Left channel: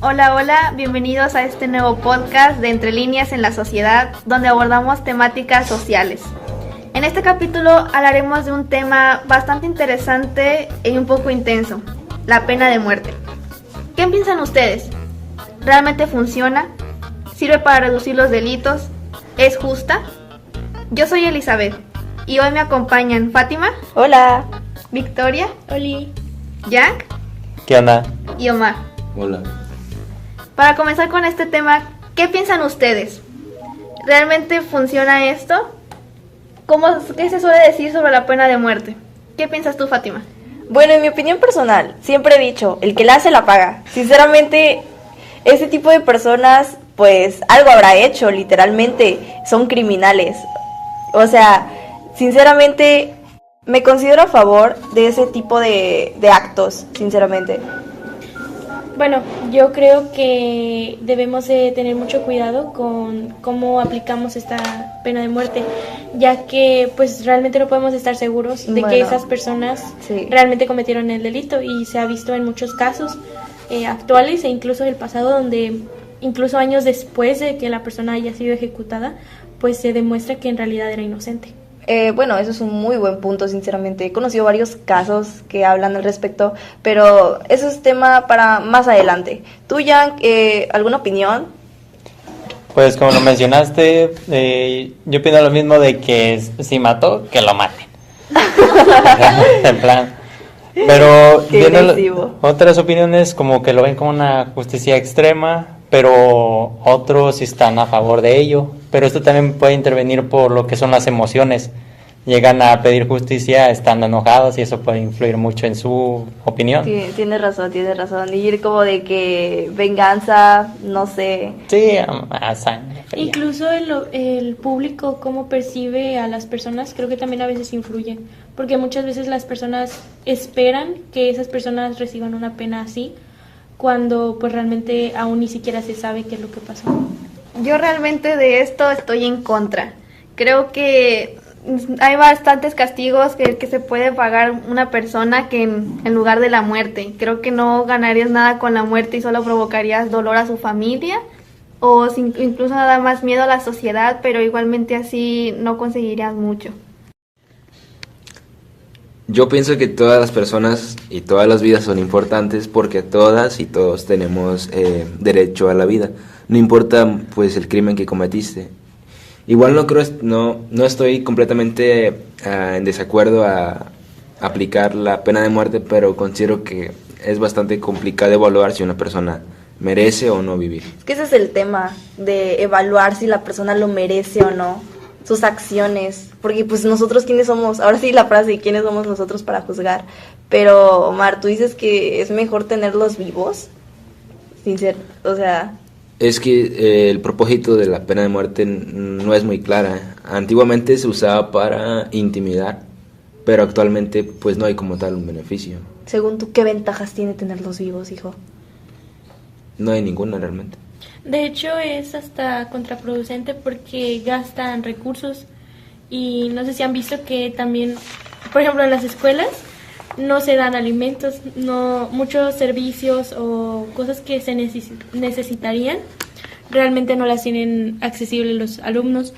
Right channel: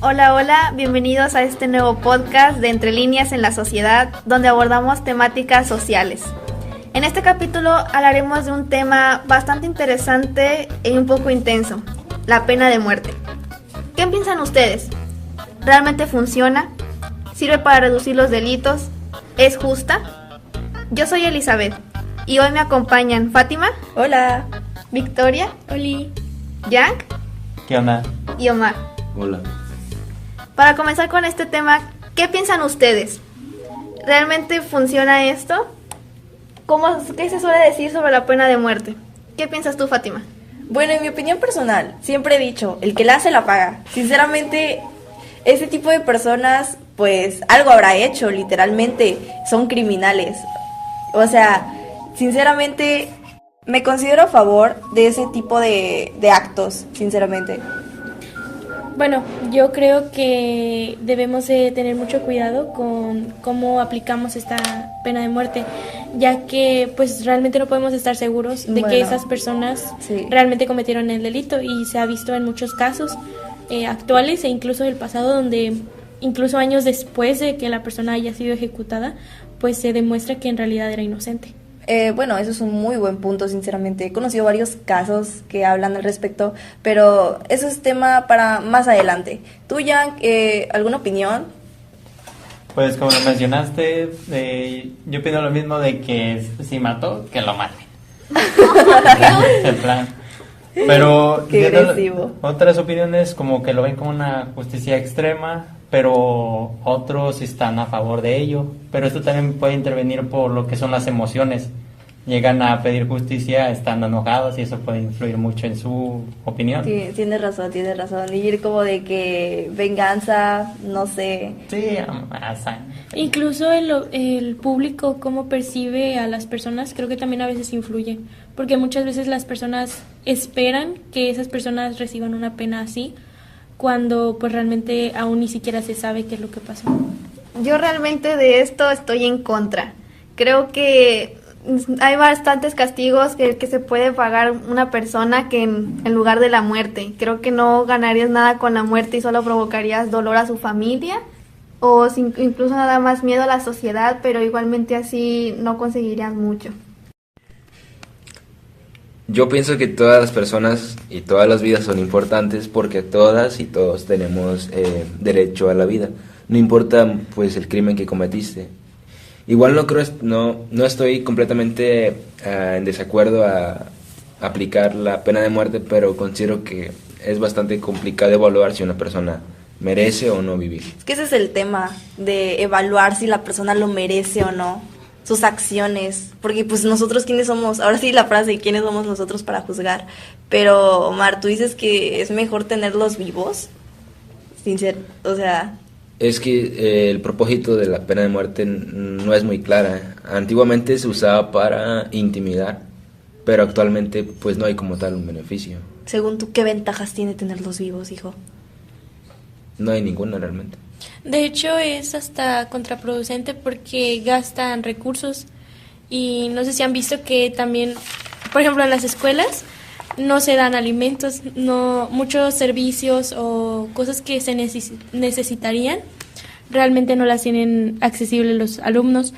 Hola, hola, bienvenidos a este nuevo podcast de Entre Líneas en la Sociedad, donde abordamos temáticas sociales. En este capítulo hablaremos de un tema bastante interesante y un poco intenso, la pena de muerte. ¿Qué piensan ustedes? ¿Realmente funciona? ¿Sirve para reducir los delitos? ¿Es justa? Yo soy Elizabeth y hoy me acompañan Fátima. Hola. Victoria. Oli. Jack. ¿Qué onda? Y Omar. Hola. Para comenzar con este tema, ¿qué piensan ustedes? ¿Realmente funciona esto? ¿Qué se suele decir sobre la pena de muerte? ¿Qué piensas tú, Fátima? Bueno, en mi opinión personal, siempre he dicho, el que la hace la paga. Sinceramente, ese tipo de personas, pues, algo habrá hecho, literalmente, son criminales. O sea, sinceramente, me considero a favor de ese tipo de actos, sinceramente. Bueno, yo creo que debemos de tener mucho cuidado con cómo aplicamos esta pena de muerte, ya que pues realmente no podemos estar seguros de que esas personas realmente cometieron el delito, y se ha visto en muchos casos actuales e incluso del pasado, donde incluso años después de que la persona haya sido ejecutada, pues se demuestra que en realidad era inocente. Bueno, eso es un muy buen punto, sinceramente. He conocido varios casos que hablan al respecto, pero eso es tema para más adelante. ¿Tú, Jan, alguna opinión? Pues como lo mencionaste, yo opino lo mismo de que si mató, que lo maten. En plan. Pero otras opiniones como que lo ven como una justicia extrema, pero otros están a favor de ello. Pero esto también puede intervenir por lo que son las emociones. Llegan a pedir justicia estando enojados y eso puede influir mucho en su opinión. Sí, tienes razón. Ir como de que venganza, no sé. Sí, a sangre. Incluso el público, cómo percibe a las personas, creo que también a veces influye. Porque muchas veces las personas esperan que esas personas reciban una pena así, cuando pues realmente aún ni siquiera se sabe qué es lo que pasó. Yo realmente de esto estoy en contra. Creo que hay bastantes castigos que se puede pagar una persona que en lugar de la muerte. Creo que no ganarías nada con la muerte y solo provocarías dolor a su familia o incluso nada más miedo a la sociedad, pero igualmente así no conseguirías mucho. Yo pienso que todas las personas y todas las vidas son importantes porque todas y todos tenemos derecho a la vida. No importa pues el crimen que cometiste. Igual no estoy completamente en desacuerdo a aplicar la pena de muerte, pero considero que es bastante complicado evaluar si una persona merece o no vivir. Es que ese es el tema de evaluar si la persona lo merece o no, sus acciones, porque pues nosotros quiénes somos, ahora sí la frase, quiénes somos nosotros para juzgar. Pero Omar, tú dices que es mejor tenerlos vivos, o sea... Es que el propósito de la pena de muerte no es muy clara. Antiguamente se usaba para intimidar, pero actualmente pues no hay como tal un beneficio. Según tú, ¿qué ventajas tiene tenerlos vivos, hijo? No hay ninguna realmente. De hecho es hasta contraproducente porque gastan recursos, y no sé si han visto que también, por ejemplo, en las escuelas no se dan alimentos, muchos servicios o cosas que se necesitarían realmente no las tienen accesibles los alumnos,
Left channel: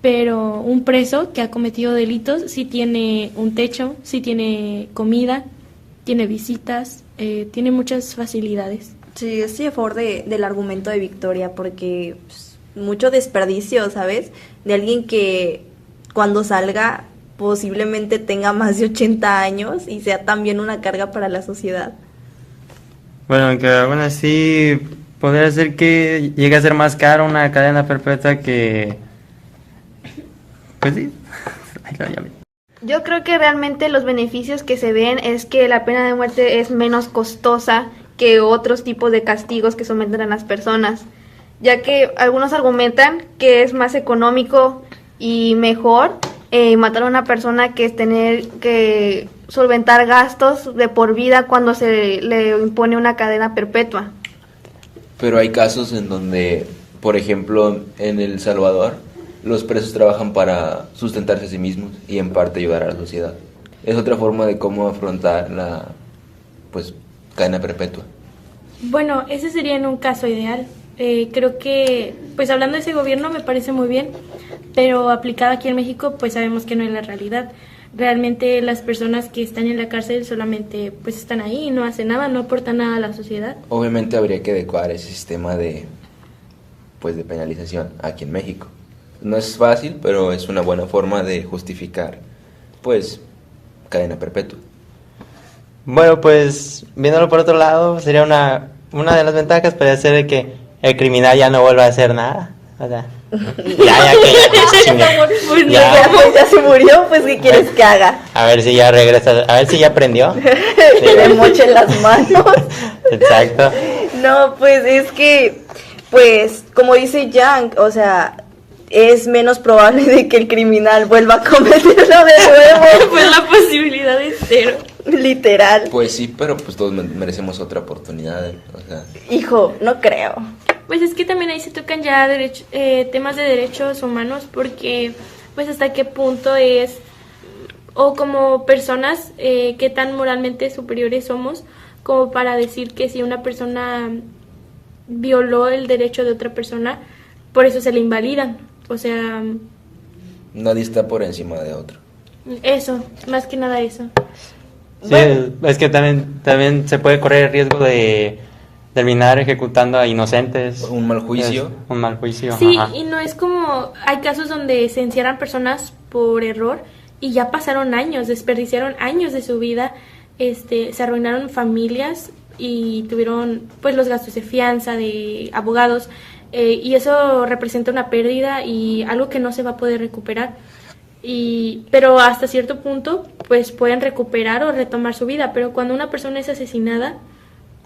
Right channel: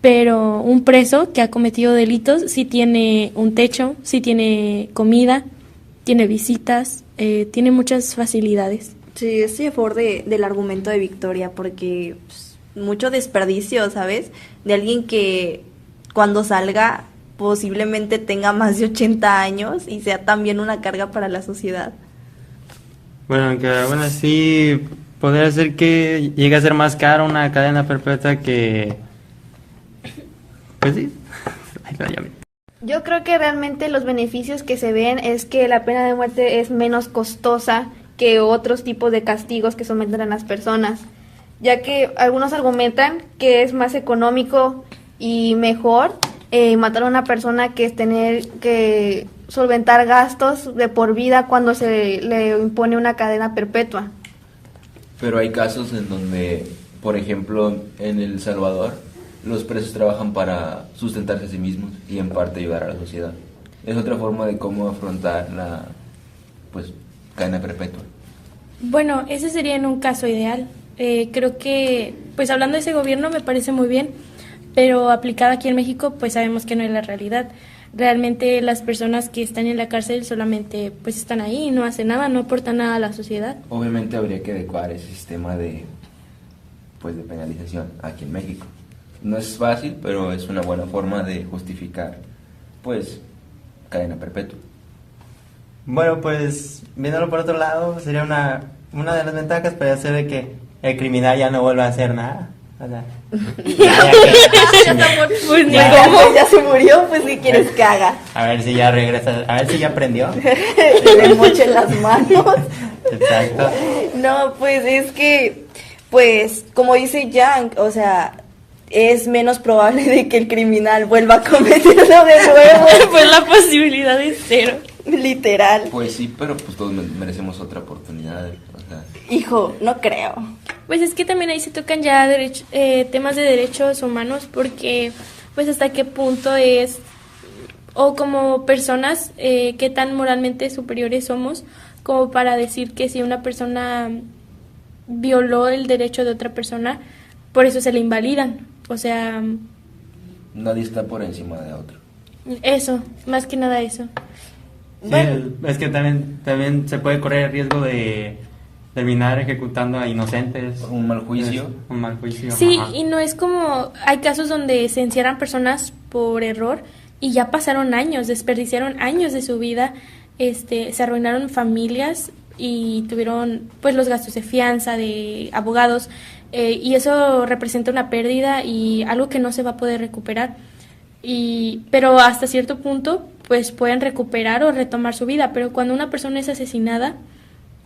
pero un preso que ha cometido delitos sí tiene un techo, sí tiene comida, tiene visitas, tiene muchas facilidades. Sí, estoy a favor del argumento de Victoria, porque mucho desperdicio, ¿sabes? De alguien que cuando salga posiblemente tenga más de 80 años y sea también una carga para la sociedad. Bueno, sí, podría ser que llegue a ser más caro una cadena perpetua que... Pues sí. Yo creo que realmente los beneficios que se ven es que la pena de muerte es menos costosa que otros tipos de castigos que someten a las personas, ya que algunos argumentan que es más económico y mejor matar a una persona que es tener que solventar gastos de por vida cuando se le impone una cadena perpetua. Pero hay casos en donde, por ejemplo, en El Salvador, los presos trabajan para sustentarse a sí mismos y en parte ayudar a la sociedad. Es otra forma de cómo afrontar la, pues, cadena perpetua. Bueno, ese sería en un caso ideal. Creo que, pues hablando de ese gobierno me parece muy bien, pero aplicado aquí en México, pues sabemos que no es la realidad. Realmente las personas que están en la cárcel solamente pues están ahí, no hacen nada, no aportan nada a la sociedad. Obviamente habría que adecuar ese sistema de, pues, de penalización aquí en México. No es fácil, pero es una buena forma de justificar, pues, cadena perpetua. Bueno, pues viéndolo por otro lado, sería una de las ventajas puede ser que el criminal ya no vuelva a hacer nada. O sea, ya se murió, pues ¿qué quieres que haga? A ver si ya regresa, a ver si ya aprendió. Que le mochen las manos. Exacto. No, pues es que, pues, como dice Yang, o sea, es menos probable de que el criminal vuelva a cometerlo de nuevo. Pues la posibilidad es cero. Literal. Pues sí, pero pues todos merecemos otra oportunidad, o sea. Hijo, no creo. Pues es que también ahí se tocan ya temas de derechos humanos, porque pues hasta qué punto es, o como personas, qué tan moralmente superiores somos como para decir que si una persona violó el derecho de otra persona, por eso se le invalidan. O sea, Nadie está por encima de otro. eso, más que nada eso. Sí, es que también se puede correr el riesgo de terminar ejecutando a inocentes. Un mal juicio. Un mal juicio. Sí, ajá. y no es como, hay casos donde se encierran personas por error y ya pasaron años, desperdiciaron años de su vida, se arruinaron familias y tuvieron pues los gastos de fianza, de abogados, y eso representa una pérdida y algo que no se va a poder recuperar. Pero hasta cierto punto pues pueden recuperar o retomar su vida, pero cuando una persona es asesinada,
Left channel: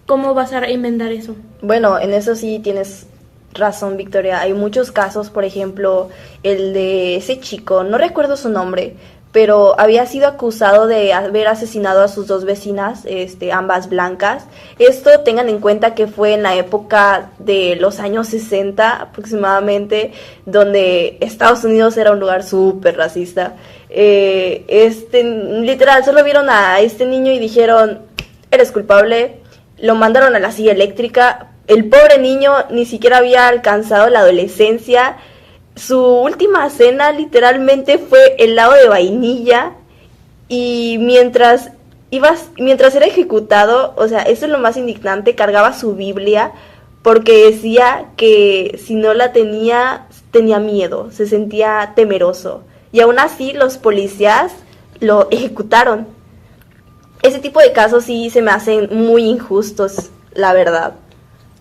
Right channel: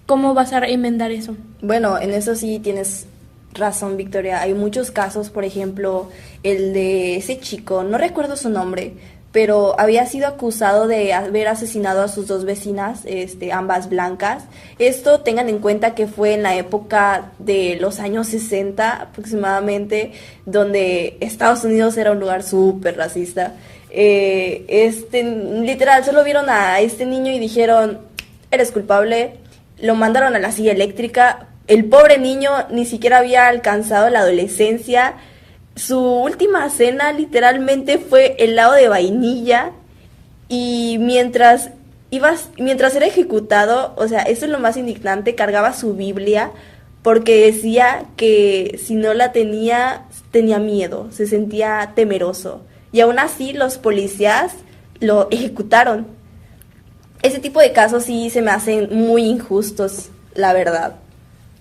¿cómo vas a enmendar eso? Bueno, en eso sí tienes razón, Victoria. Hay muchos casos, por ejemplo, el de ese chico, no recuerdo su nombre, pero había sido acusado de haber asesinado a sus dos vecinas, ambas blancas. Esto tengan en cuenta que fue en la época de los años 60 aproximadamente, donde Estados Unidos era un lugar súper racista. Literal, solo vieron a este niño y dijeron, eres culpable. Lo mandaron a la silla eléctrica. El pobre niño ni siquiera había alcanzado la adolescencia. Su última cena literalmente fue helado de vainilla. Y mientras era ejecutado, o sea, eso es lo más indignante, cargaba su Biblia porque decía que si no la tenía miedo, se sentía temeroso. Y aún así los policías lo ejecutaron. Ese tipo de casos sí se me hacen muy injustos, la verdad.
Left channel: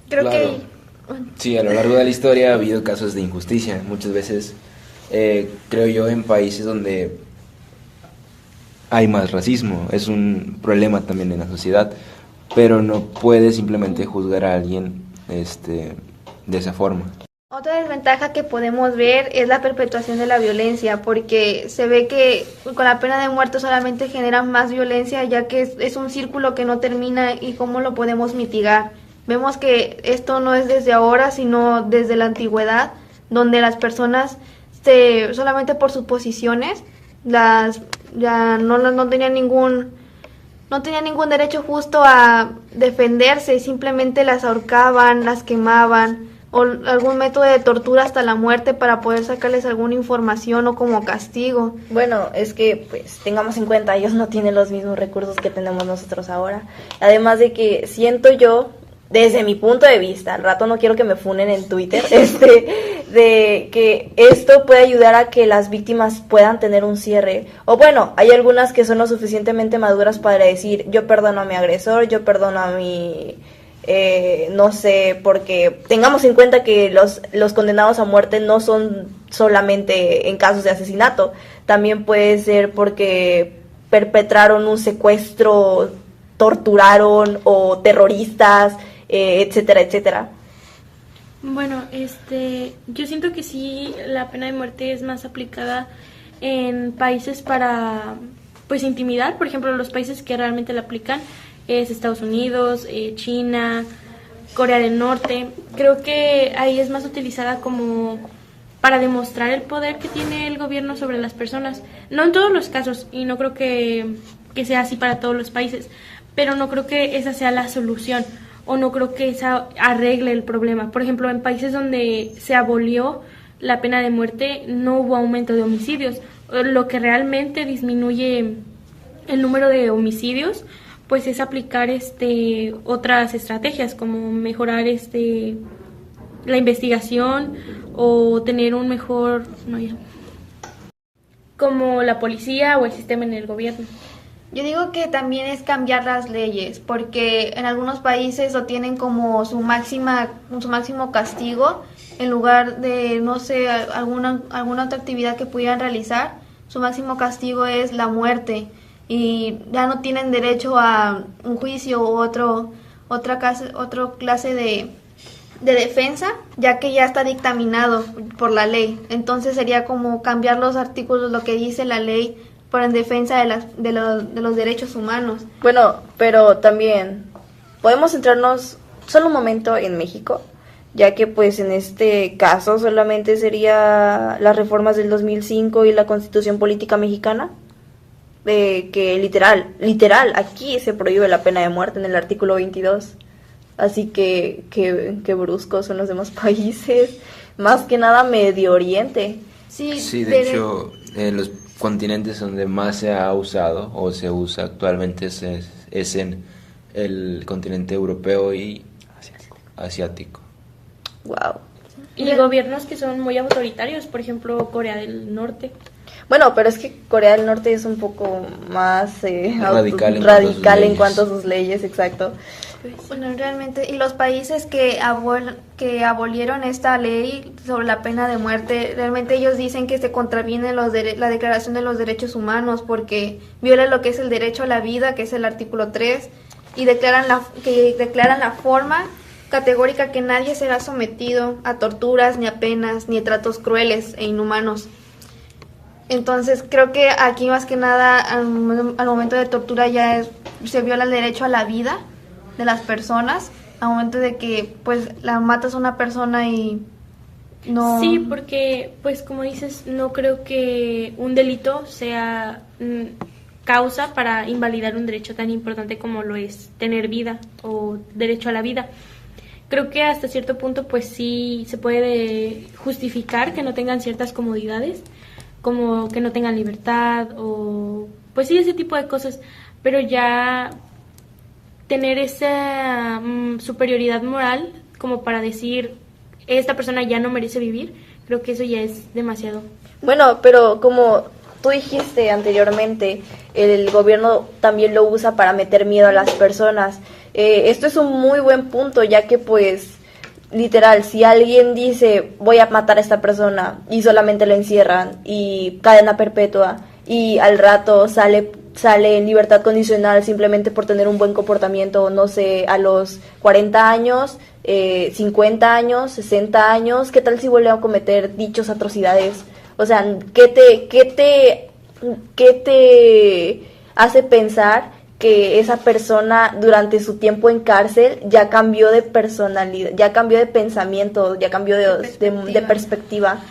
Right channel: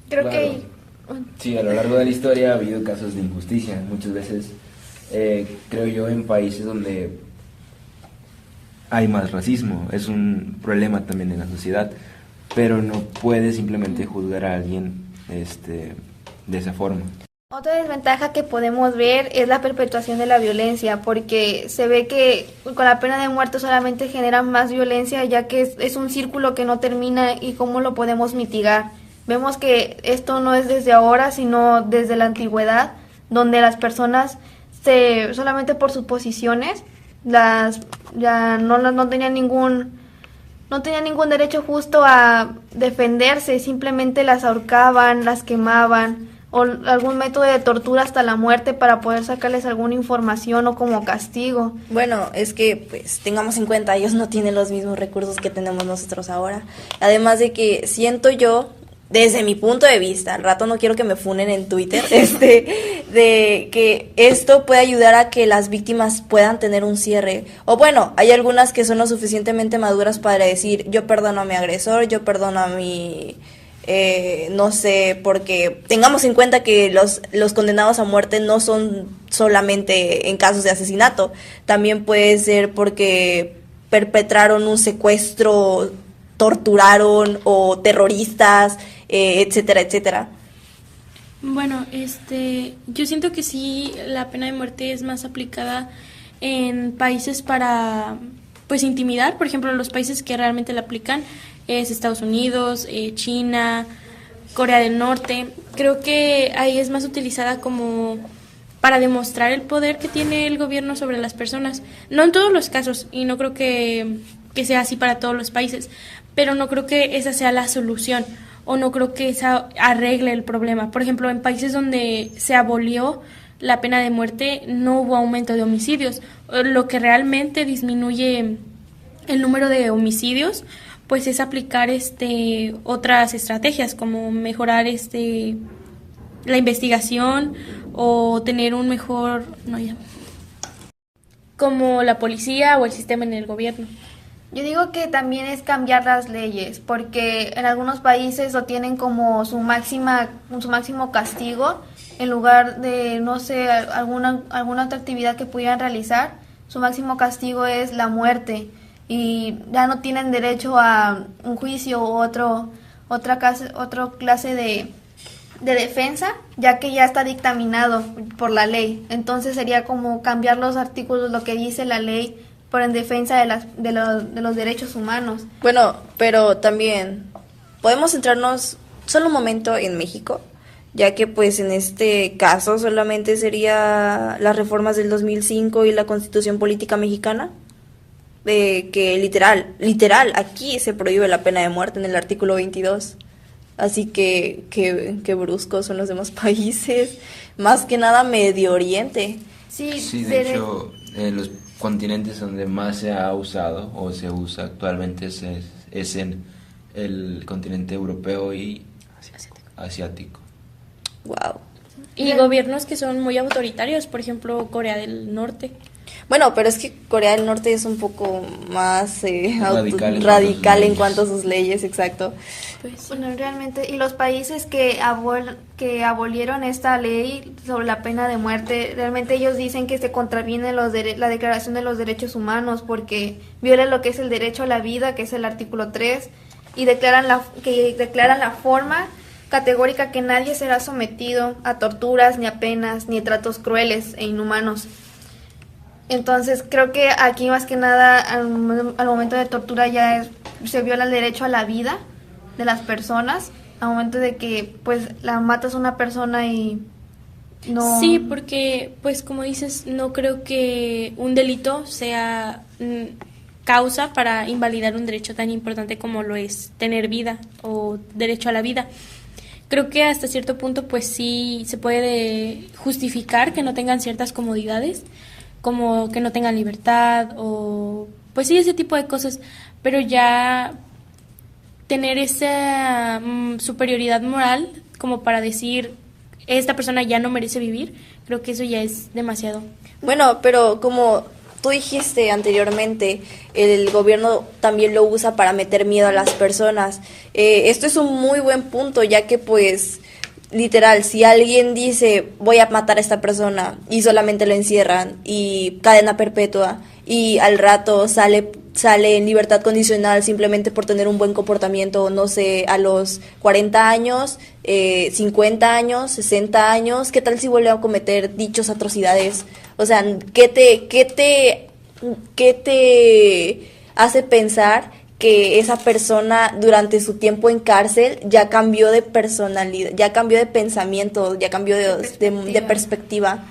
Creo Claro. que... Sí, a lo largo de la historia ha habido casos de injusticia. Muchas veces, creo yo, en países donde hay más racismo. Es un problema también en la sociedad. Pero no puedes simplemente juzgar a alguien de esa forma. Otra desventaja que podemos ver es la perpetuación de la violencia, porque se ve que con la pena de muerte solamente genera más violencia, ya que es un círculo que no termina. ¿Y cómo lo podemos mitigar? Vemos que esto no es desde ahora, sino desde la antigüedad, donde las personas solamente por sus posiciones no tenían ningún derecho justo a defenderse, simplemente las ahorcaban, las quemaban, o algún método de tortura hasta la muerte para poder sacarles alguna información o como castigo. Bueno, es que pues tengamos en cuenta, ellos no tienen los mismos recursos que tenemos nosotros ahora. Además de que siento yo, desde mi punto de vista, al rato no quiero que me funen en Twitter, de que esto puede ayudar a que las víctimas puedan tener un cierre. O bueno, hay algunas que son lo suficientemente maduras para decir, yo perdono a mi agresor, yo perdono a mi... no sé, porque tengamos en cuenta que los condenados a muerte no son solamente en casos de asesinato, también puede ser porque perpetraron un secuestro, torturaron o terroristas, etcétera, etcétera. Bueno, yo siento que sí, la pena de muerte es más aplicada en países para, pues, intimidar. Por ejemplo, los países que realmente la aplican es Estados Unidos, China, Corea del Norte. Creo que ahí es más utilizada como para demostrar el poder que tiene el gobierno sobre las personas. No en todos los casos, y no creo que sea así para todos los países, pero no creo que esa sea la solución, o no creo que esa arregle el problema. Por ejemplo, en países donde se abolió la pena de muerte, no hubo aumento de homicidios. Lo que realmente disminuye el número de homicidios, pues es aplicar otras estrategias, como mejorar la investigación o tener un mejor, como la policía o el sistema en el gobierno. Yo digo que también es cambiar las leyes, porque en algunos países lo tienen como su máximo castigo, en lugar de, no sé, alguna otra actividad que pudieran realizar, su máximo castigo es la muerte, y ya no tienen derecho a un juicio u otra clase de defensa, ya que ya está dictaminado por la ley. Entonces sería como cambiar los artículos, lo que dice la ley, por en defensa de los derechos humanos. Bueno, pero también podemos centrarnos solo un momento en México, ya que pues en este caso solamente sería las reformas del 2005 y la Constitución Política Mexicana, que literal, aquí se prohíbe la pena de muerte en el artículo 22. Así que bruscos son los demás países, más que nada Medio Oriente. Sí, de hecho, en los continentes donde más se ha usado o se usa actualmente es en el continente europeo y asiático. Wow. Y gobiernos que son muy autoritarios, por ejemplo, Corea del Norte. Bueno, pero es que Corea del Norte es un poco más radical en cuanto a sus leyes, exacto. Pues, bueno, realmente, y los países que abolieron esta ley sobre la pena de muerte, realmente ellos dicen que se contraviene la Declaración de los Derechos Humanos, porque viola lo que es el derecho a la vida, que es el artículo 3, y declaran la forma categórica que nadie será sometido a torturas, ni a penas, ni a tratos crueles e inhumanos. Entonces creo que aquí más que nada al momento de tortura se viola el derecho a la vida de las personas, al momento de que pues la matas a una persona y no... Sí, porque pues como dices, no creo que un delito sea causa para invalidar un derecho tan importante como lo es tener vida o derecho a la vida. Creo que hasta cierto punto pues sí se puede justificar que no tengan ciertas comodidades, como que no tengan libertad o pues sí, ese tipo de cosas, pero ya tener esa superioridad moral como para decir esta persona ya no merece vivir, creo que eso ya es demasiado. Bueno, pero como tú dijiste anteriormente, el gobierno también lo usa para meter miedo a las personas. Esto es un muy buen punto, ya que pues literal, si alguien dice voy a matar a esta persona y solamente lo encierran y cadena perpetua y al rato sale en libertad condicional simplemente por tener un buen comportamiento, no sé, a los 40 años, 50 años, 60 años, ¿qué tal si vuelve a cometer dichos atrocidades? O sea, ¿qué te hace pensar que esa persona durante su tiempo en cárcel ya cambió de personalidad, ya cambió de pensamiento, ya cambió de perspectiva?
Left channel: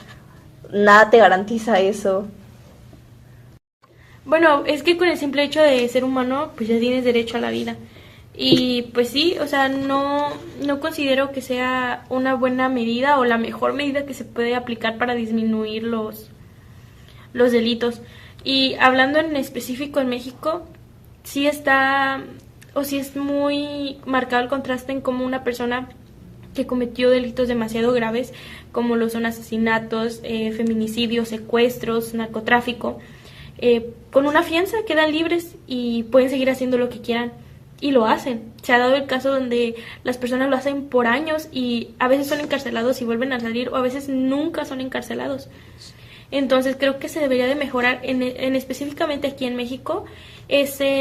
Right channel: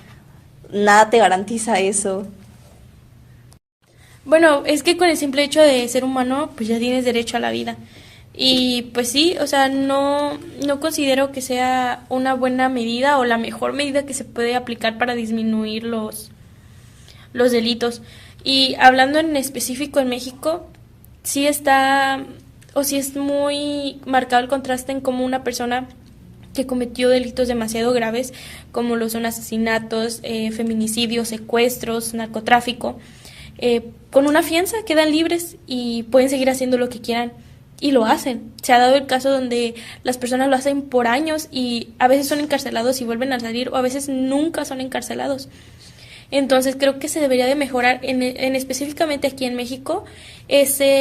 Nada te garantiza eso. Bueno, es que con el simple hecho de ser humano, pues ya tienes derecho a la vida. Y pues sí, o sea, no considero que sea una buena medida o la mejor medida que se puede aplicar para disminuir los delitos. Y hablando en específico en México, sí está, o sí es muy marcado el contraste en cómo una persona que cometió delitos demasiado graves, como lo son asesinatos, feminicidios, secuestros, narcotráfico, con una fianza quedan libres y pueden seguir haciendo lo que quieran. Y lo hacen. Se ha dado el caso donde las personas lo hacen por años y a veces son encarcelados y vuelven a salir, o a veces nunca son encarcelados. Entonces creo que se debería de mejorar en específicamente aquí en México esas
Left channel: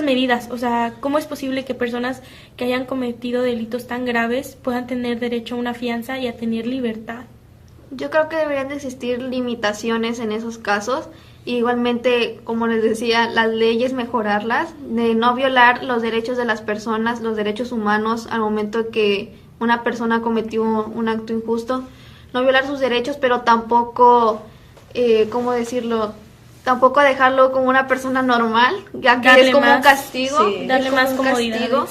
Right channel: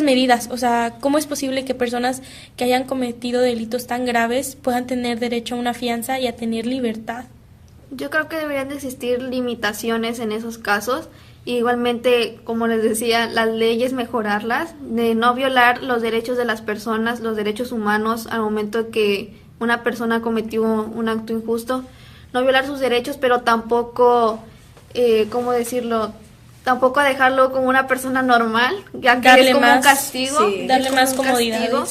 medidas. O sea, ¿cómo es posible que personas que hayan cometido delitos tan graves puedan tener derecho a una fianza y a tener libertad? Yo creo que deberían de existir limitaciones en esos casos. Igualmente, como les decía, las leyes mejorarlas, de no violar los derechos de las personas, los derechos humanos al momento que una persona cometió un acto injusto. no violar sus derechos, pero tampoco, ¿cómo decirlo? Tampoco dejarlo como una persona normal, ya que Darle es como un más, castigo. sí, darle es como más un comodidades. castigo.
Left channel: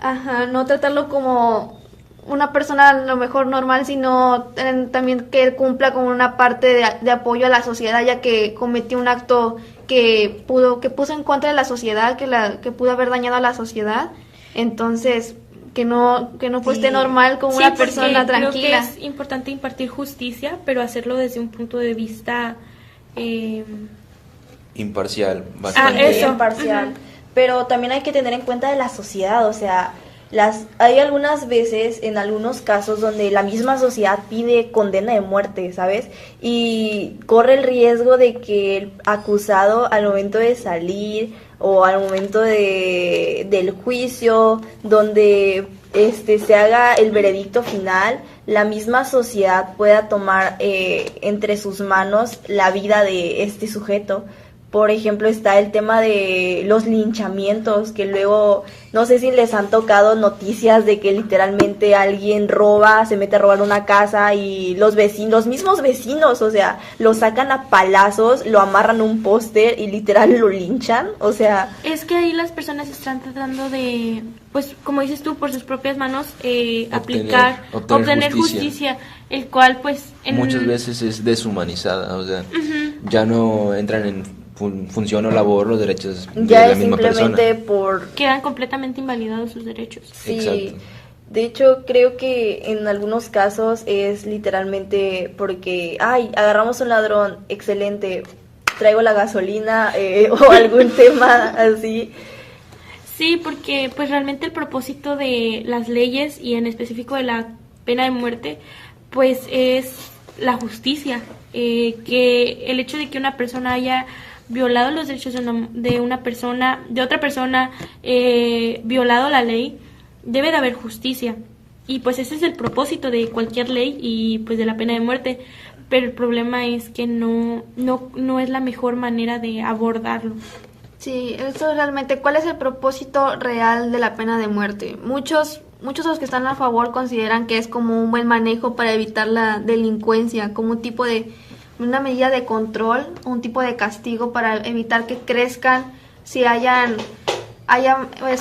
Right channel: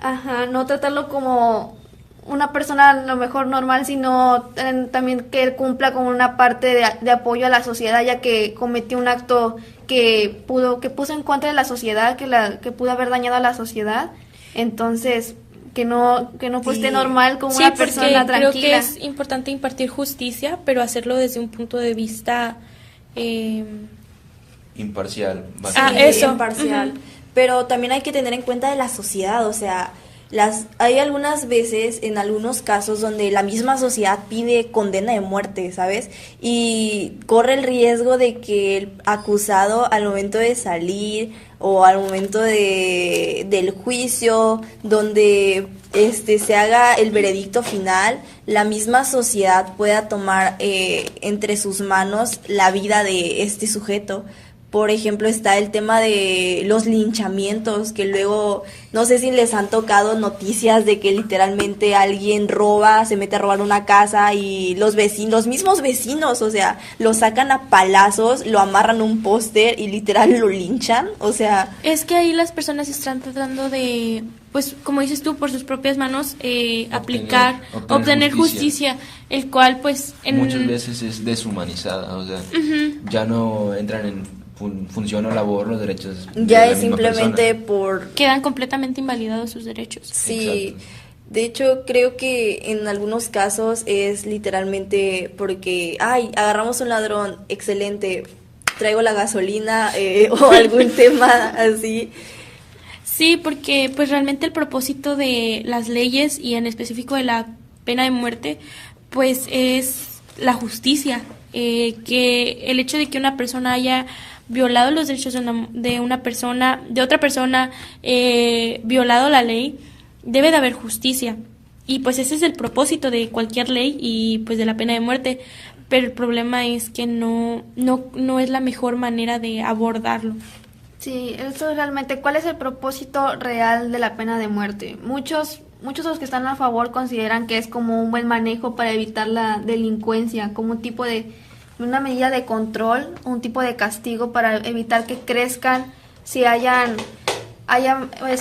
Ajá, no tratarlo como una persona a lo mejor normal, sino también que cumpla con una parte de apoyo a la sociedad, ya que cometió un acto que puso en contra de la sociedad, que pudo haber dañado a la sociedad. Entonces, que no pues, esté normal como una persona tranquila. Creo que es importante impartir justicia, pero hacerlo desde un punto de vista Imparcial. eso. Imparcial. Ujú. Pero también hay que tener en cuenta de la sociedad, o sea, hay algunas veces, en algunos casos, donde la misma sociedad pide condena de muerte, ¿sabes? Y corre el riesgo de que el acusado al momento de salir o al momento del juicio, donde se haga el veredicto final, la misma sociedad pueda tomar entre sus manos la vida de este sujeto. Por ejemplo, está el tema de los linchamientos, que luego, no sé si les han tocado noticias de que literalmente alguien roba, se mete a robar una casa y los mismos vecinos, o sea, lo sacan a palazos, lo amarran a un póster y literal lo linchan, o sea... Es que ahí las personas están tratando de, pues, como dices tú, por sus propias manos, obtener justicia, el cual, pues... Muchas veces es deshumanizada, o sea, ya no entran en función o labor los derechos ya de la es misma simplemente persona. Quedan completamente invalidados sus derechos. Sí, Exacto. de hecho creo que en algunos casos es literalmente porque, agarramos un ladrón, excelente, traigo la gasolina o algún tema así. Sí, porque pues realmente el propósito de las leyes y en específico de la pena de muerte, pues es la justicia, que el hecho de que una persona haya violado los derechos de otra persona, violado la ley, debe de haber justicia. Y pues ese es el propósito de cualquier ley y pues de la pena de muerte. Pero el problema es que no es la mejor manera de abordarlo. Sí, eso realmente, ¿cuál es el propósito real de la pena de muerte? Muchos de los que están a favor consideran que es como un buen manejo para evitar la delincuencia, como un tipo de una medida de control, un tipo de castigo para evitar que crezcan, se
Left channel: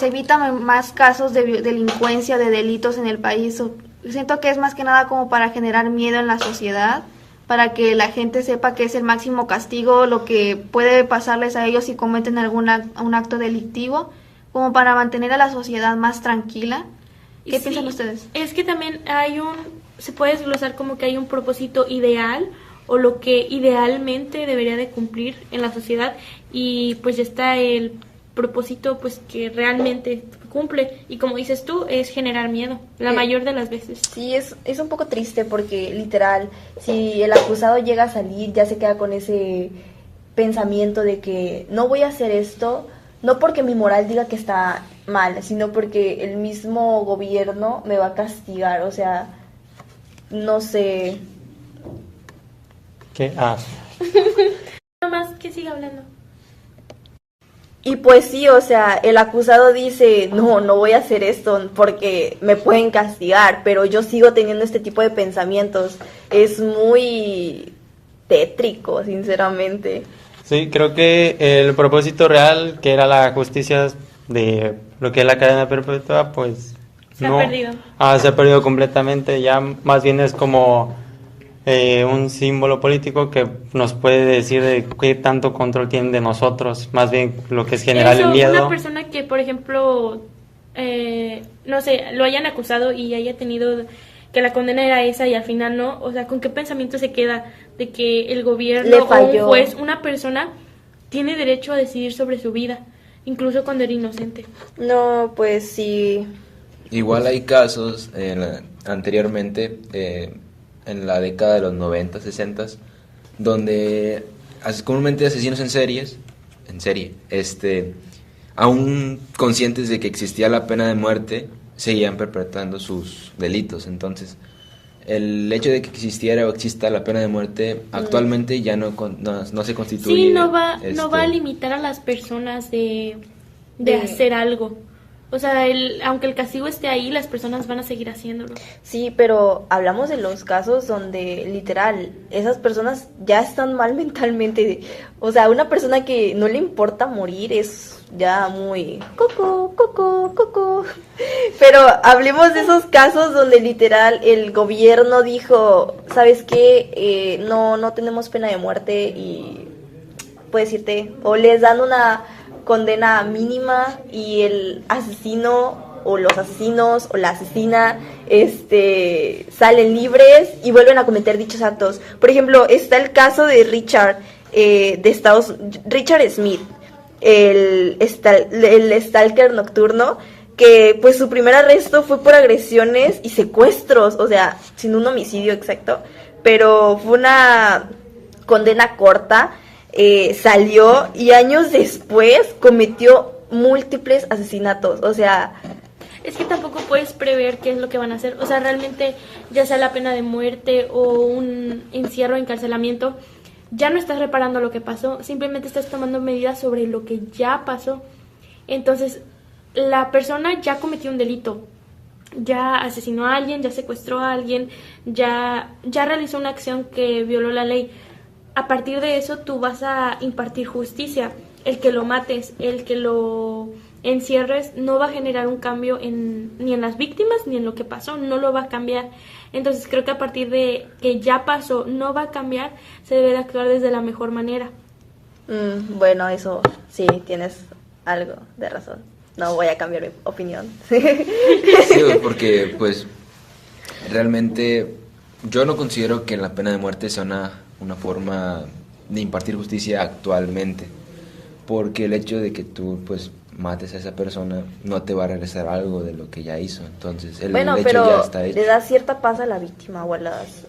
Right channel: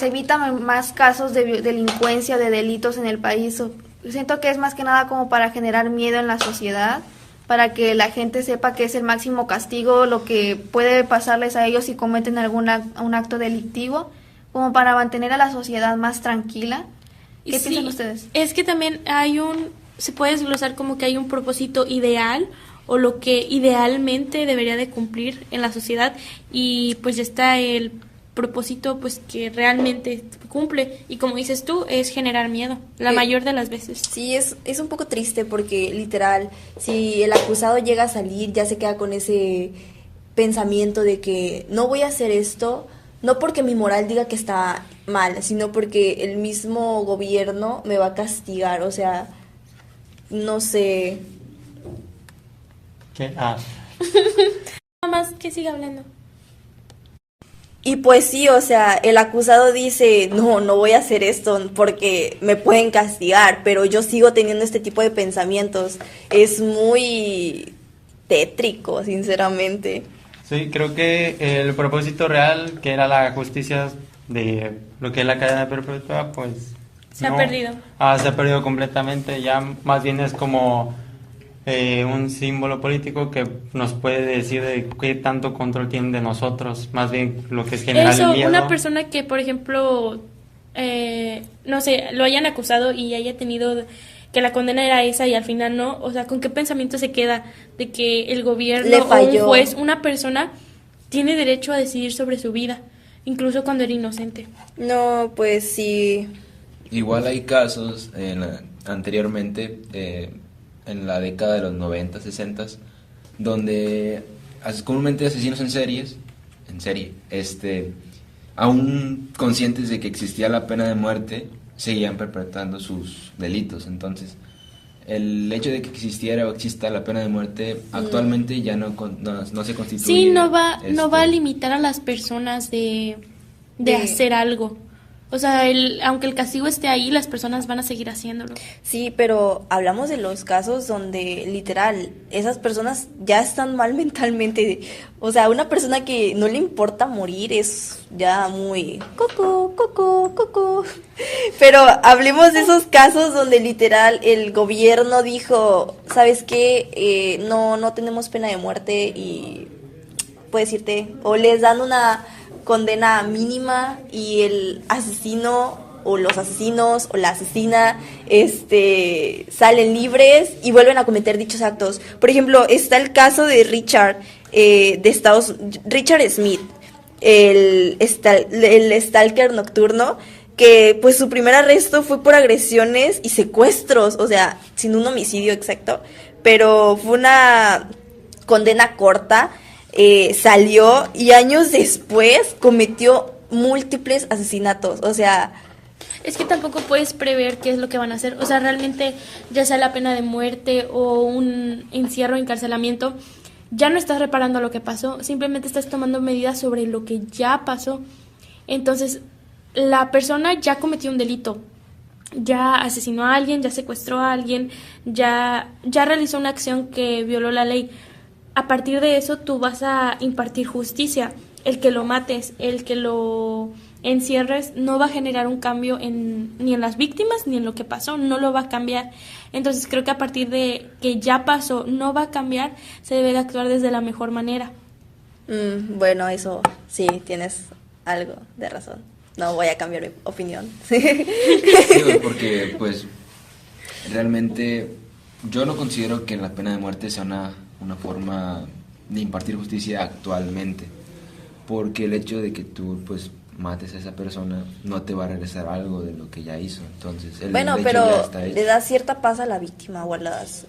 evitan más casos de delincuencia o de delitos en el país. Siento que es más que nada como para generar miedo en la sociedad, para que la gente sepa que es el máximo castigo lo que puede pasarles a ellos si cometen un acto delictivo, como para mantener a la sociedad más tranquila. ¿Qué piensan ustedes? Es que también se puede desglosar como que hay un propósito ideal o lo que idealmente debería de cumplir en la sociedad y pues ya está el propósito pues que realmente cumple y como dices tú es generar miedo la mayor de las veces. Sí, es un poco triste porque literal si el acusado llega a salir ya se queda con ese pensamiento de que no voy a hacer esto, no porque mi moral diga que está mal, sino porque el mismo gobierno me va a castigar, o sea, no sé. ¿Qué? Nada más que siga hablando. Y pues sí, o sea, el acusado dice, no voy a hacer esto porque me pueden castigar, pero yo sigo teniendo este tipo de pensamientos. Es muy tétrico, sinceramente. Sí, creo que el propósito real, que era la justicia de lo que es la cadena perpetua, pues Se ha perdido. Se ha perdido completamente. Ya más bien es como un símbolo político que nos puede decir de qué tanto control tienen de nosotros, más bien lo que es generar el miedo. Una persona que, por ejemplo, no sé, lo hayan acusado y haya tenido que la condena era esa y al final no, o sea, ¿con qué pensamiento se queda de que el gobierno Le o falló. un juez, una persona tiene derecho a decidir sobre su vida, incluso cuando era inocente? No, pues sí. Igual hay casos anteriormente, en la década de los 90, 60, donde comúnmente asesinos en serie, aún conscientes de que existía la pena de muerte, seguían perpetrando sus delitos. Entonces, el hecho de que existiera o exista la pena de muerte actualmente ya no se constituye. Sí, no va a limitar a las personas de hacer algo. O sea, aunque el castigo esté ahí, las personas van a seguir haciéndolo. Sí, pero hablamos de los casos donde literal esas personas ya están mal mentalmente. O sea, una persona que no le importa morir es ya muy coco. Pero hablemos de esos casos donde literal el gobierno dijo, ¿sabes qué? No tenemos pena de muerte y puedes irte. O les dan una condena mínima y el asesino o los asesinos o la asesina salen libres y vuelven a cometer dichos actos. Por ejemplo, está el caso de Richard Smith, el stalker nocturno, que pues su primer arresto fue por agresiones y secuestros, o sea, sin un homicidio exacto, pero fue una condena corta. Salió y años después cometió múltiples asesinatos, o sea... Es que tampoco puedes prever qué es lo que van a hacer, o sea, realmente ya sea la pena de muerte o un encierro, encarcelamiento, ya no estás reparando lo que pasó, simplemente estás tomando medidas sobre lo que ya pasó. Entonces, la persona ya cometió un delito, ya asesinó a alguien, ya secuestró a alguien, ya realizó una acción que violó la ley. A partir de eso tú vas a impartir justicia. El que lo mates, el que lo encierres, no va a generar un cambio ni en las víctimas ni en lo que pasó, no lo va a cambiar. Entonces creo que a partir de que ya pasó, no va a cambiar, se debe de actuar desde la mejor manera. Bueno, eso sí, tienes algo de razón. No voy a cambiar mi opinión. Sí, porque pues realmente yo no considero que la pena de muerte sea una forma de impartir justicia actualmente, porque el hecho de que tú pues mates a esa persona no te va a regresar algo de lo que ya hizo, entonces el hecho pero ya está hecho. le das cierta paz a la víctima o a las...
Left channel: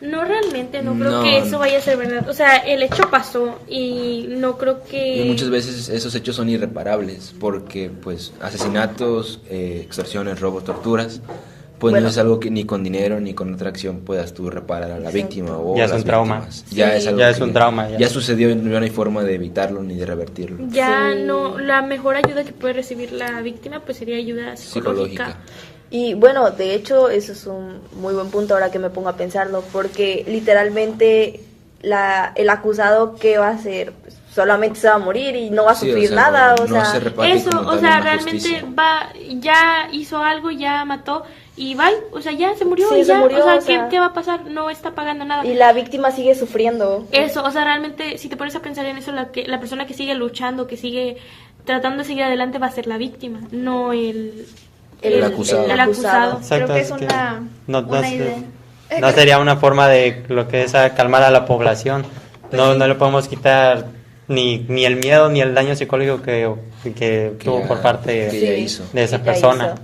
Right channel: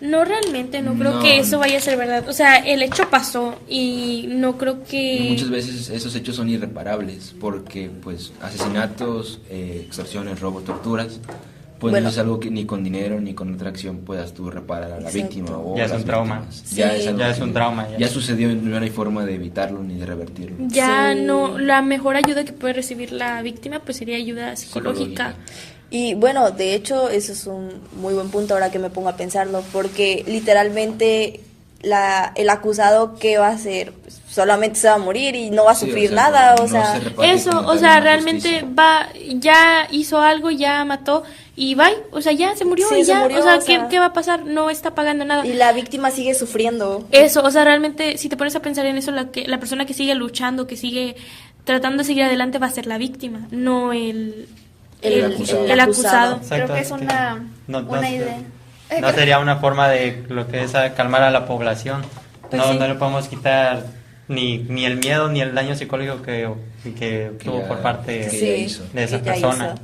No, realmente no creo que eso vaya a ser verdad, o sea, el hecho pasó y no creo que... Y muchas veces esos hechos son irreparables, porque pues asesinatos, extorsiones, robos, torturas, pues no es algo que ni con dinero ni con otra acción puedas tú reparar a la víctima o ya es las un trauma. Sí. Ya es un trauma. Ya sucedió y no hay forma de evitarlo ni de revertirlo. Ya no, la mejor ayuda que puede recibir la víctima pues sería ayuda psicológica. Y bueno, de hecho eso es un muy buen punto ahora que me pongo a pensarlo, porque literalmente el acusado, ¿qué va a hacer? Pues, solamente se va a morir y no va a sufrir nada, o sea, eso, o sea, realmente ya hizo algo, ya mató y bye, o sea, ya se murió, y ya, o sea, ¿qué va a pasar? No está pagando nada. Y la víctima sigue sufriendo. Eso, o sea, realmente, si te pones a pensar en eso, la persona que sigue luchando, que sigue tratando de seguir adelante va a ser la víctima, no el acusado. Exacto, creo que es una idea. No sería una forma de lo que es calmar a la población. Pues no le podemos quitar ni el miedo ni el daño psicológico que tuvo por parte de esa persona.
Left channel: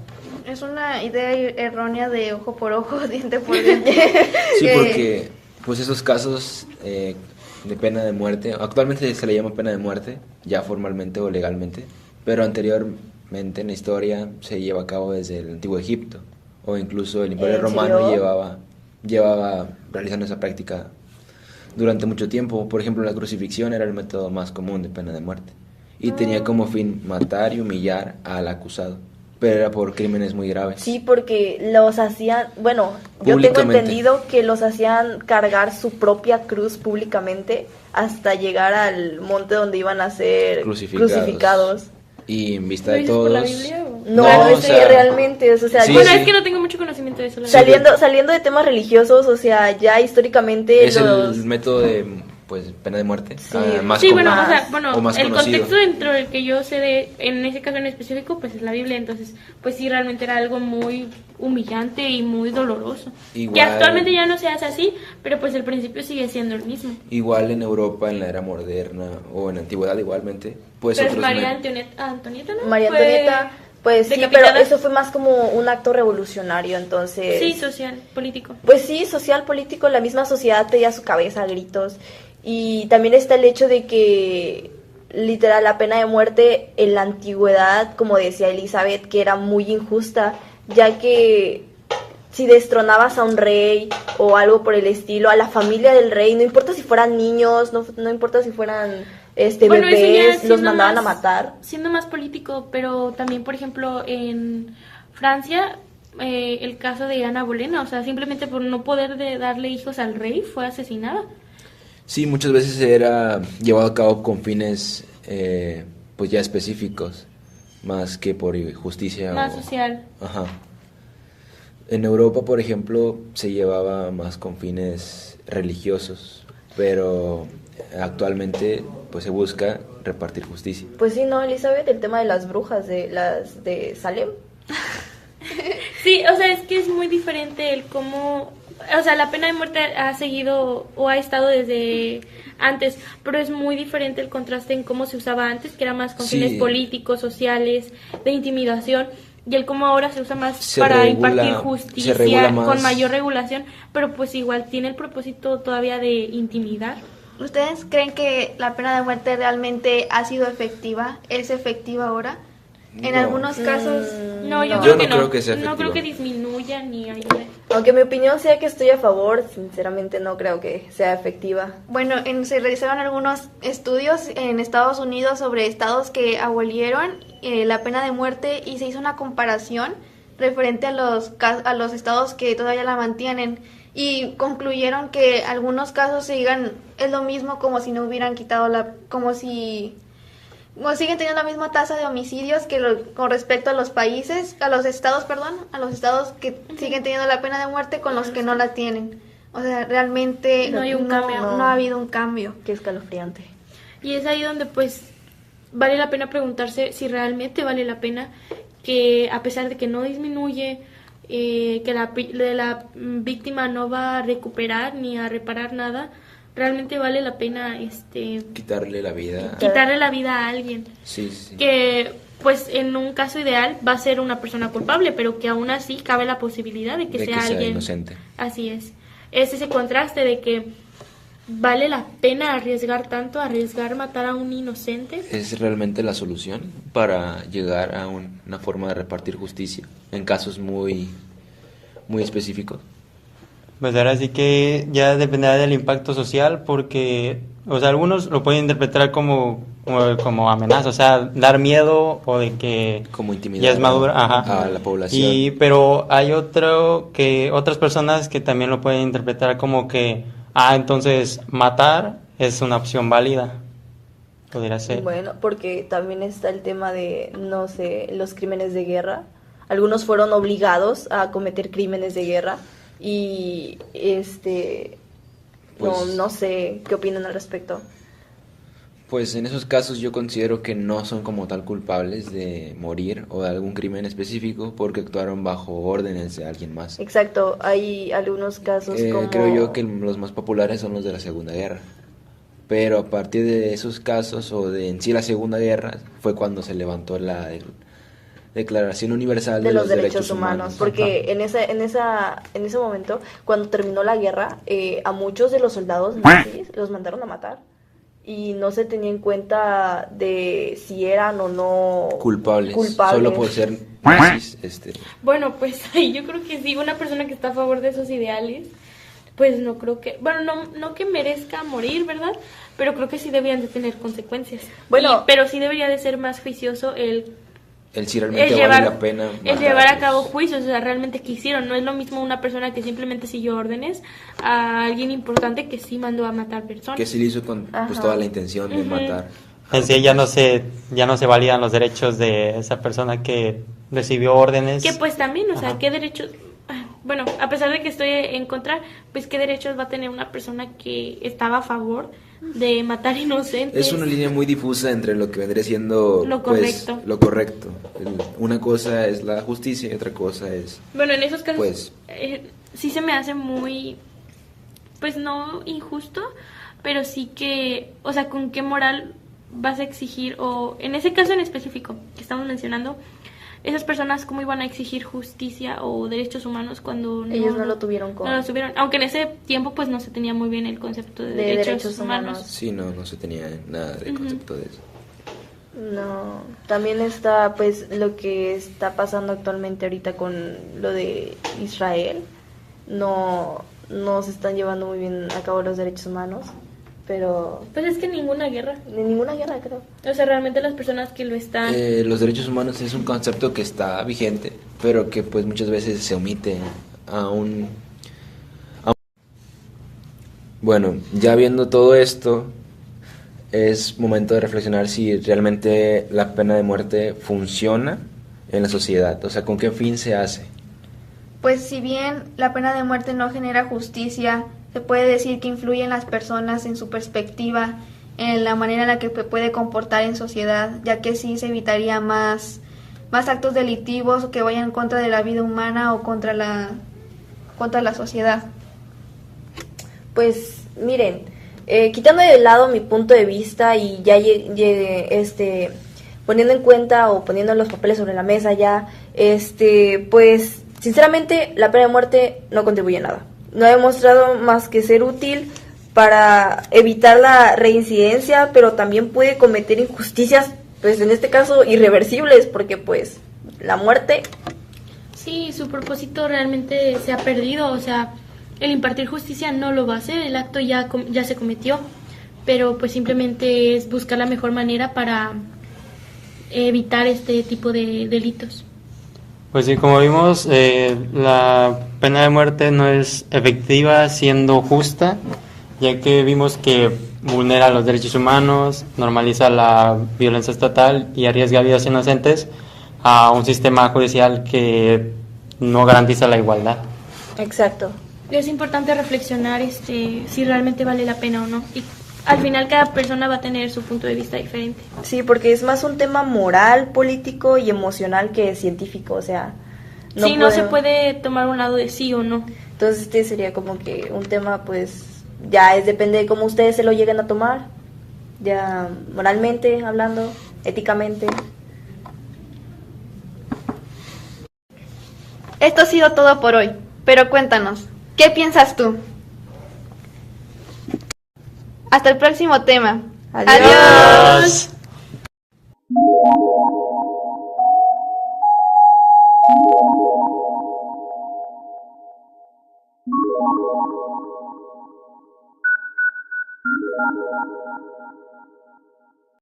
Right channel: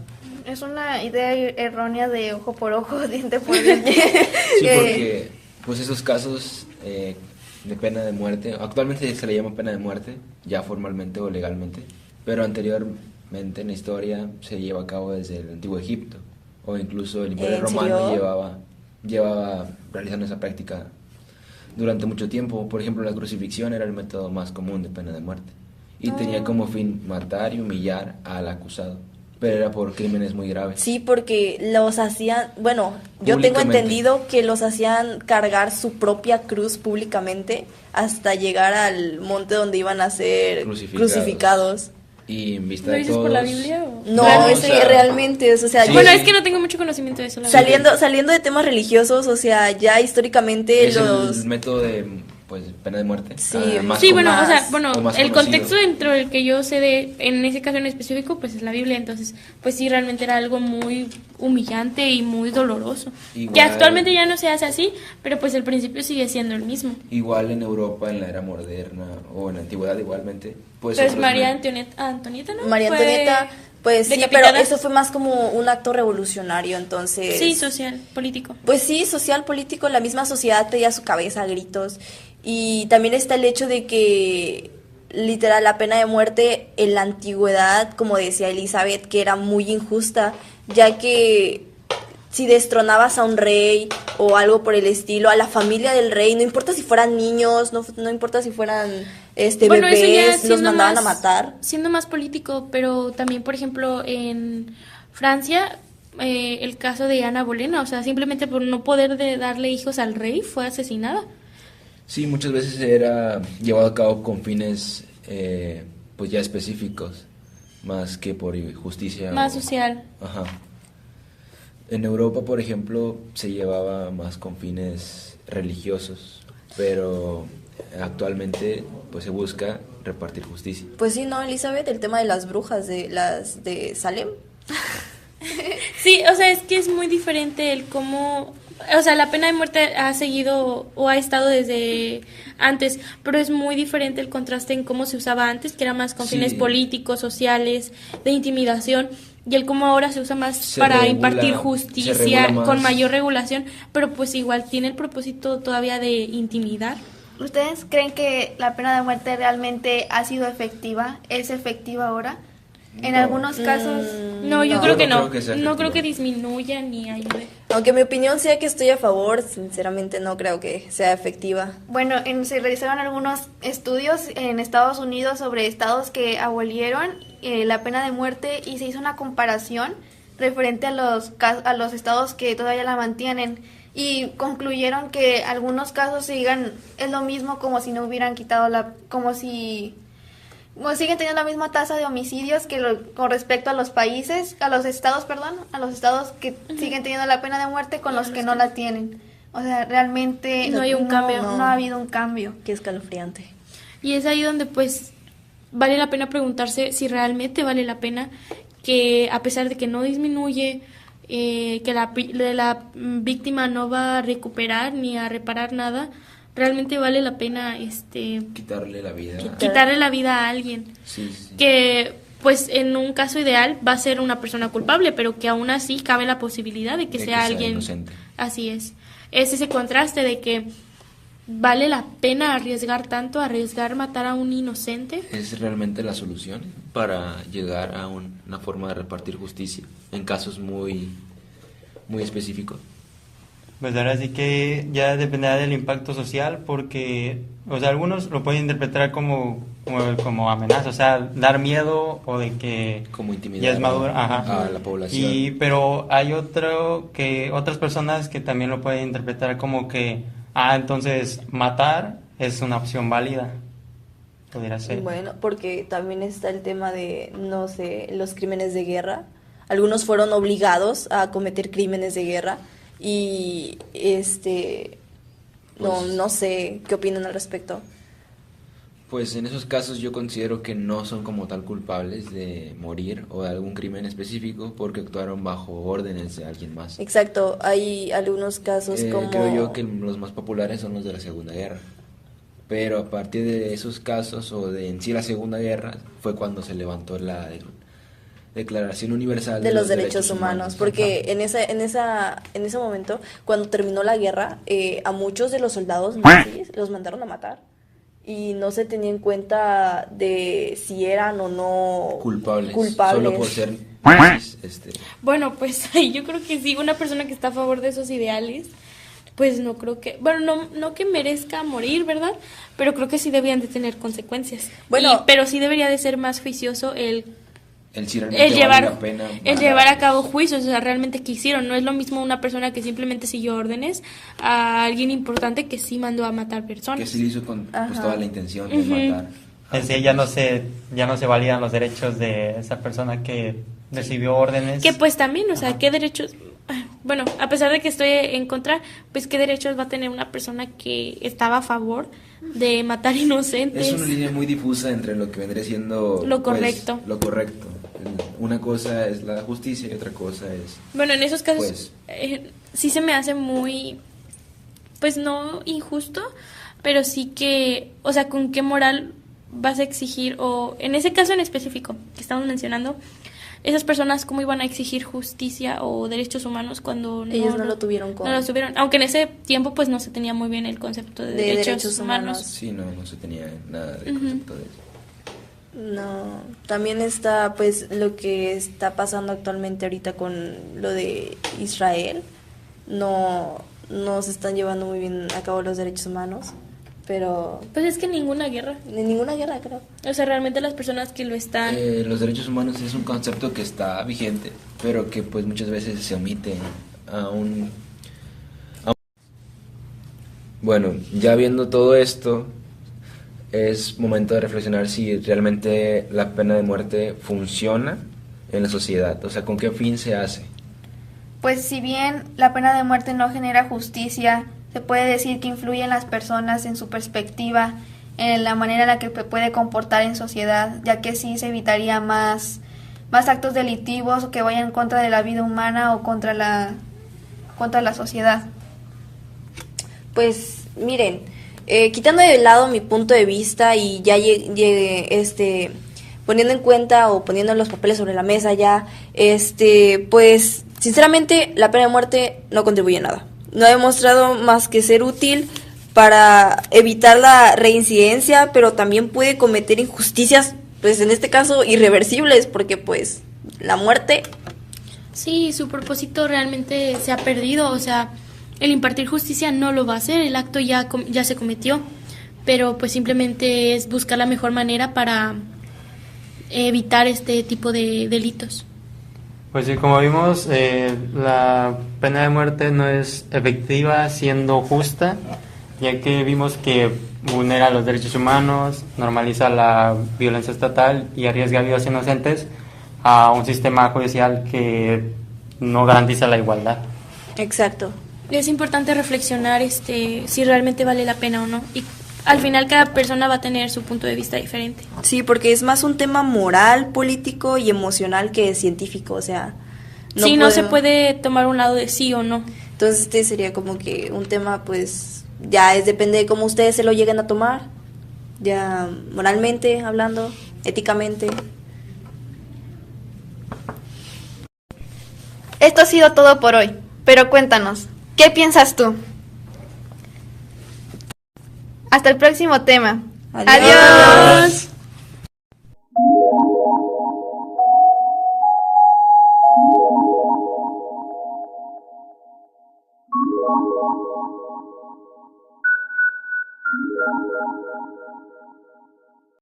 Es una idea errónea de ojo por ojo, diente por diente. Sí, porque pues esos casos de pena de muerte, actualmente se le llama pena de muerte, ya formalmente o legalmente, pero anteriormente en la historia se lleva a cabo desde el antiguo Egipto, o incluso el Imperio Romano llevaba realizando esa práctica durante mucho tiempo. Por ejemplo, la crucifixión era el método más común de pena de muerte y tenía como fin matar y humillar al acusado, pero era por crímenes muy graves. Sí, porque los hacían, bueno, yo tengo entendido que los hacían cargar su propia cruz públicamente hasta llegar al monte donde iban a ser crucificados. Y en vista de ¿Lo todos... por la Biblia o? No, realmente, o sea... Sí, bueno, es que no tengo mucho conocimiento de eso. Saliendo de temas religiosos, o sea, ya históricamente es el método de pena de muerte. Más el contexto dentro del que yo sé en ese caso en específico, pues es la Biblia, entonces, pues sí, realmente era algo muy humillante y muy doloroso. Igual, que actualmente ya no se hace así, pero pues el principio sigue siendo el mismo. Igual en Europa, en la era moderna, o en la antigüedad igualmente. Pues pero es María Antonieta, ¿no? María Antonieta... Pues sí, pero eso fue más como un acto revolucionario, entonces... Sí, social, político. Pues sí, social, político, la misma sociedad pedía su cabeza a gritos. Y también está el hecho de que, literal, la pena de muerte en la antigüedad, como decía Elizabeth, que era muy injusta, ya que si destronabas a un rey o algo por el estilo, a la familia del rey, no importa si fueran niños, no importa si fueran Bueno, eso ya bebés los siendo mandaban a más- matar. Siendo más político, pero también, por ejemplo, en Francia, el caso de Ana Bolena, o sea, simplemente por no poder darle hijos al rey, fue asesinada. Sí, muchas veces era llevado a cabo con fines pues ya específicos, más que por justicia. Más social. Ajá. En Europa, por ejemplo, se llevaba más con fines religiosos, pero actualmente pues se busca repartir justicia. Pues sí, ¿no, Elizabeth? El tema de las brujas, de las de Salem. Sí, o sea, es que es muy diferente el cómo, o sea, la pena de muerte ha seguido o ha estado desde antes, pero es muy diferente el contraste en cómo se usaba antes, que era más con Sí. fines políticos, sociales, de intimidación, y el cómo ahora se usa más Se para regula- impartir se regula justicia más. con mayor regulación, pero pues igual tiene el propósito todavía de intimidar. ¿Ustedes creen que la pena de muerte realmente ha sido efectiva? ¿Es efectiva ahora? En No. algunos casos... No, yo No. creo Yo que no no. creo que sea No creo efectiva. que disminuya ni ayude. Aunque mi opinión sea que estoy a favor, sinceramente no creo que sea efectiva. Bueno, se realizaron algunos estudios en Estados Unidos sobre estados que abolieron la pena de muerte y se hizo una comparación referente a a los estados que todavía la mantienen y concluyeron que algunos casos es lo mismo como si no hubieran quitado como siguen teniendo la misma tasa de homicidios con respecto a los a los estados que siguen teniendo la pena de muerte con los que no la tienen. O sea, realmente No hay un cambio. no ha habido un cambio. Qué escalofriante. Y es ahí donde pues vale la pena preguntarse si realmente vale la pena que a pesar de que no disminuye, que la víctima no va a recuperar ni a reparar nada, realmente vale la pena Quitarle la vida. quitarle la vida a alguien. Sí, sí. Que pues en un caso ideal va a ser una persona culpable, pero que aún así cabe la posibilidad de que De sea que sea alguien inocente. Así es ese contraste de que vale la pena arriesgar matar a un inocente. ¿Es realmente la solución para llegar a una forma de repartir justicia en casos muy, muy específicos? Pues ahora sí que ya dependerá del impacto social porque, o sea, algunos lo pueden interpretar como amenaza, o sea, dar miedo o de que Como intimidar ya es madura, ajá. a la población. Pero hay otras personas que también lo pueden interpretar como que, entonces matar es una opción válida, podría ser. Bueno, porque también está el tema de, no sé, los crímenes de guerra. Algunos fueron obligados a cometer crímenes de guerra y Pues- no sé qué opinan al respecto. Pues en esos casos yo considero que no son como tal culpables de morir o de algún crimen específico porque actuaron bajo órdenes de alguien más. Exacto, hay algunos casos como... Creo yo que los más populares son los de la Segunda Guerra. Pero a partir de esos casos o de en sí la Segunda Guerra fue cuando se levantó la Declaración Universal de los derechos humanos, porque Ajá. en ese momento, cuando terminó la guerra, a muchos de los soldados nazis los mandaron a matar y no se tenía en cuenta de si eran o no Culpables. culpables. Solo por ser nazis, Bueno, pues ahí yo creo que sí, una persona que está a favor de esos ideales, pues no creo que, bueno, no que merezca morir, ¿verdad? Pero creo que sí deberían de tener consecuencias. Bueno. Pero sí debería de ser más juicioso el si realmente vale la pena el matar, llevar a pues. cabo juicios, o sea, realmente qué hicieron. No es lo mismo una persona que simplemente siguió órdenes a alguien importante que sí mandó a matar personas. Que sí lo hizo con pues, Ajá. toda la intención de matar. En sí ya no se validan los derechos de esa persona que recibió órdenes. Que pues también, o sea, ¿qué derechos? Bueno, a pesar de que estoy en contra, pues ¿qué derechos va a tener una persona que estaba a favor de matar inocentes? Es una línea muy difusa entre lo que vendría siendo Lo pues, correcto. lo correcto. Una cosa es la justicia y otra cosa es Bueno, en esos casos Pues- sí se me hace muy, pues no injusto, pero sí que, o sea, ¿con qué moral vas a exigir? O en ese caso en específico que estamos mencionando, esas personas cómo iban a exigir justicia o derechos humanos cuando Ellos no lo tuvieron no lo tuvieron, aunque en ese tiempo pues no se tenía muy bien el concepto de derechos humanos. sí, no se tenía nada de concepto de eso. No, también está pues lo que está pasando actualmente ahorita con lo de Israel. No se están llevando muy bien a cabo los derechos humanos. pero Pues es que ninguna guerra. en ninguna guerra, creo. O sea, realmente las personas que lo están... Los derechos humanos es un concepto que está vigente, pero que pues muchas veces se omite aún. Bueno, ya viendo todo esto, es momento de reflexionar si realmente la pena de muerte funciona en la sociedad, o sea, con qué fin se hace. Pues si bien la pena de muerte no genera justicia, se puede decir que influye en las personas, en su perspectiva, en la manera en la que se puede comportar en sociedad, ya que sí se evitaría más actos delictivos que vayan en contra de la vida humana o contra la sociedad. Pues miren, quitando de lado mi punto de vista y ya poniendo en cuenta o poniendo los papeles sobre la mesa ya, pues sinceramente la pena de muerte no contribuye a nada. No ha demostrado más que ser útil para evitar la reincidencia, pero también puede cometer injusticias, pues en este caso irreversibles, porque pues la muerte... Sí, su propósito realmente se ha perdido, o sea, el impartir justicia no lo va a hacer, el acto ya se cometió, pero pues simplemente es buscar la mejor manera para evitar este tipo de delitos. Pues sí, como vimos, la pena de muerte no es efectiva siendo justa, ya que vimos que vulnera los derechos humanos, normaliza la violencia estatal y arriesga vidas inocentes a un sistema judicial que no garantiza la igualdad. Exacto. Es importante reflexionar si realmente vale la pena o no. Y al final cada persona va a tener su punto de vista diferente. Sí, porque es más un tema moral, político y emocional que científico, o sea... No se puede tomar un lado de sí o no. Entonces sería como que un tema, pues, ya depende de cómo ustedes se lo lleguen a tomar, ya moralmente hablando, éticamente. Esto ha sido todo por hoy, pero cuéntanos, ¿qué piensas tú? Hasta el próximo tema. ¡Adiós!